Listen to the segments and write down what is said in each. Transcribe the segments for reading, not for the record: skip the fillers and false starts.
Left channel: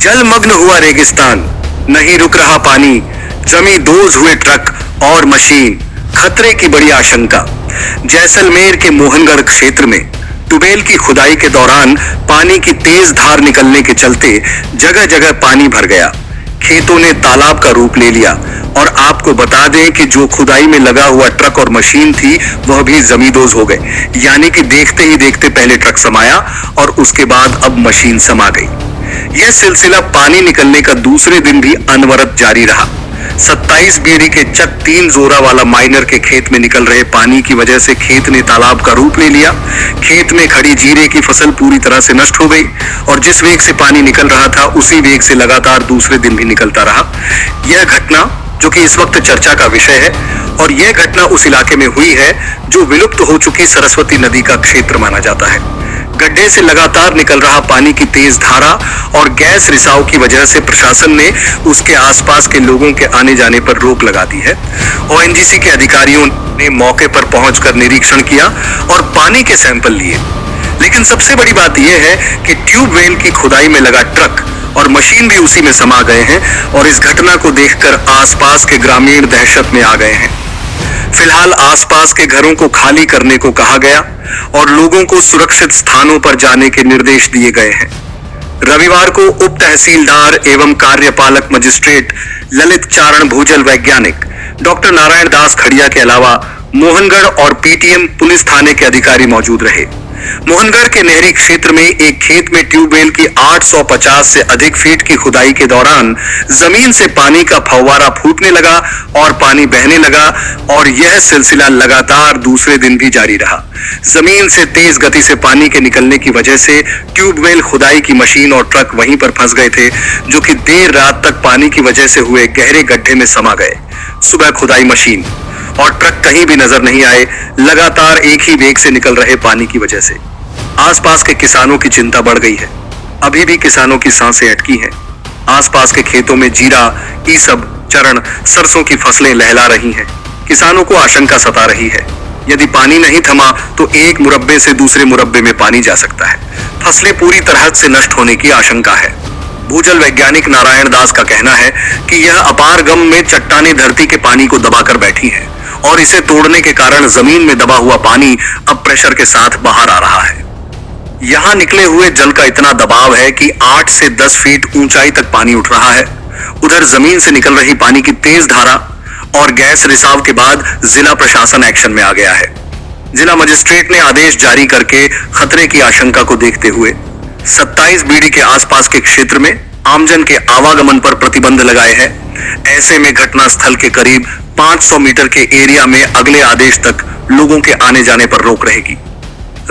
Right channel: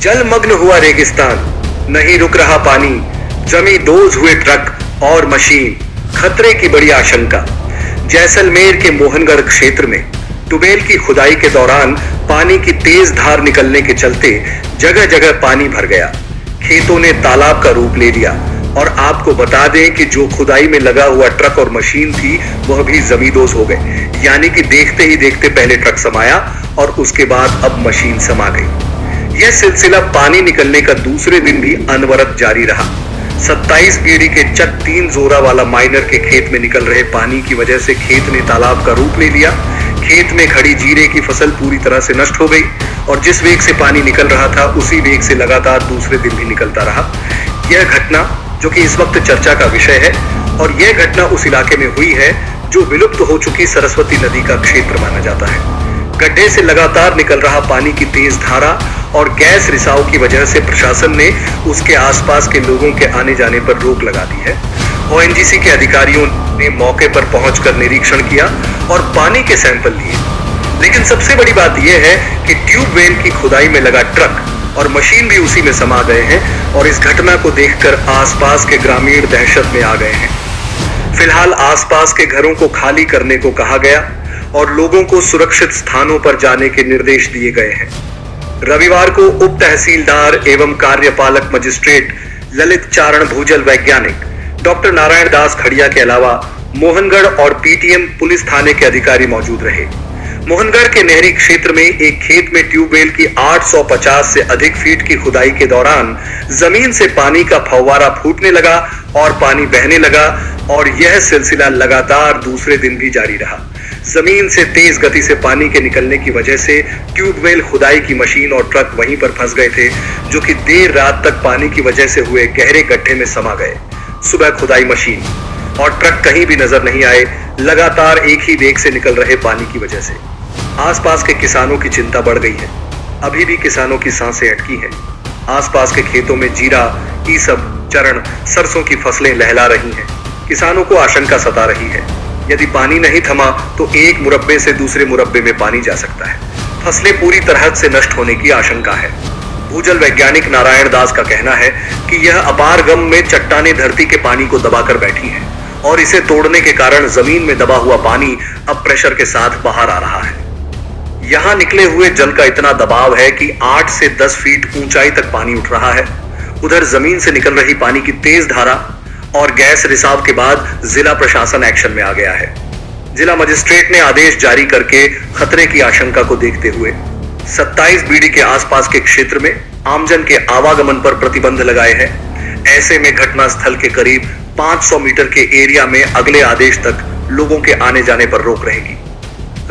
जलमग्न हुआ रेगिस्तान, नहीं रुक रहा पानी, जमी दोज हुए ट्रक और मशीन, खतरे की बड़ी आशंका। जैसलमेर के मोहनगढ़ क्षेत्र में ट्यूबवेल की खुदाई के दौरान पानी की तेज धार निकलने के चलते जगह जगह पानी भर गया, खेतों ने तालाब का रूप ले लिया। और आपको बता दें कि जो खुदाई में लगा हुआ ट्रक और मशीन थी वह भी जमींदोज हो गए, यानी कि देखते ही देखते पहले ट्रक समाया और उसके बाद अब मशीन समा गई। यह सिलसिला पानी निकलने का दूसरे दिन भी अनवरत जारी रहा। 27 बीडी के चक 3 जोरा वाला माइनर के खेत में निकल रहे पानी की वजह से खेत ने तालाब का रूप ले लिया। खेत में खड़ी जीरे की फसल पूरी तरह से नष्ट हो गई और जिस वेग से पानी निकल रहा था उसी वेग से लगातार दूसरे दिन भी निकलता रहा। यह घटना जो कि इस वक्त चर्चा का विषय है, और यह घटना उस इलाके में हुई है जो विलुप्त हो चुकी सरस्वती नदी का क्षेत्र माना जाता है। गड्ढे से लगातार निकल रहा पानी की तेज धारा और गैस रिसाव की वजह से प्रशासन ने उसके आसपास के लोगों के आने जाने पर रोक लगा दी है। ओएनजीसी के अधिकारियों ने मौके पर पहुंचकर निरीक्षण किया और पानी के सैंपल लिए। लेकिन सबसे बड़ी बात यह है कि ट्यूबवेल की खुदाई में लगा ट्रक और मशीन भी उसी में समा गए हैं और इस घटना को देखकर आसपास के ग्रामीण दहशत में आ गए हैं। फिलहाल आसपास के घरों को खाली करने को कहा गया और लोगों को सुरक्षित स्थानों पर जाने के निर्देश दिए गए हैं। रविवार को उप तहसीलदार एवं कार्यपालक मजिस्ट्रेट ललित चारण भूजल वैज्ञानिक डॉक्टर नारायण दास खड़िया के अलावा मोहनगढ़ और पीटीएम पुलिस थाने के अधिकारी मौजूद रहे। मोहनगढ़ के नहरी क्षेत्र में एक खेत में ट्यूबवेल की 850 से अधिक फीट की खुदाई के दौरान जमीन से पानी का फव्वारा फूटने लगा और पानी बहने लगा और यह सिलसिला लगातार दूसरे दिन भी जारी रहा। जमीन से तेज गति से पानी के निकलने की वजह से ट्यूबवेल खुदाई की मशीन और ट्रक वहीं पर फंस गए थे, जो कि देर रात तक पानी की वजह से हुए गहरे गड्ढे में समा गए। सुबह खुदाई मशीन और ट्रक कहीं भी नजर नहीं आए, लगातार एक ही वेग से निकल रहे पानी की वजह से आसपास के किसानों की चिंता बढ़ गई है। अभी भी किसानों की सांसें अटकी हैं। आसपास के खेतों में जीरा, ईसब, चरण, सरसों की फसलें लहला रही हैं। किसानों को आशंका सता रही है, यदि पानी नहीं थमा तो एक मुरब्बे से दूसरे मुरब्बे में पानी जा सकता है। फसलें पूरी तरह से नष्ट होने की आशंका है। भूजल वैज्ञानिक नारायण दास का कहना है कि यह अपार गम में चट्टानें धरती के पानी को दबाकर बैठी हैं और इसे तोड़ने के कारण जमीन में दबा हुआ पानी अब प्रेशर के साथ बाहर आ रहा है। यहां निकले हुए जल का इतना दबाव है कि 8 से 10 फीट ऊंचाई तक पानी उठ रहा है। उधर जमीन से निकल रही पानी की तेज धारा और गैस रिसाव के बाद जिला प्रशासन एक्शन में आ गया है। जिला मजिस्ट्रेट ने आदेश जारी करके खतरे की आशंका को देखते हुए 27 बीडी के आसपास के क्षेत्र में आमजन के आवागमन पर प्रतिबंध लगाए हैं। ऐसे में घटना स्थल के करीब 500 मीटर के एरिया में अगले आदेश तक लोगों के आने जाने पर रोक रहेगी।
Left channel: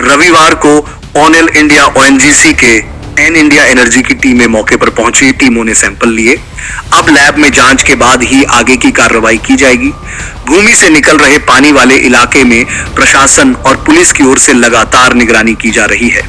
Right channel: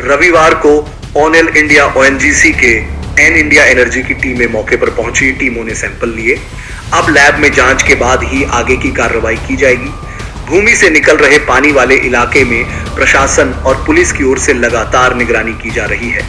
रविवार को ऑनेल इंडिया ओएनजीसी के एन इंडिया एनर्जी की टीमें मौके पर पहुंची। टीमों ने सैंपल लिए। अब लैब में जांच के बाद ही आगे की कार्रवाई की जाएगी। भूमि से निकल रहे पानी वाले इलाके में प्रशासन और पुलिस की ओर से लगातार निगरानी की जा रही है।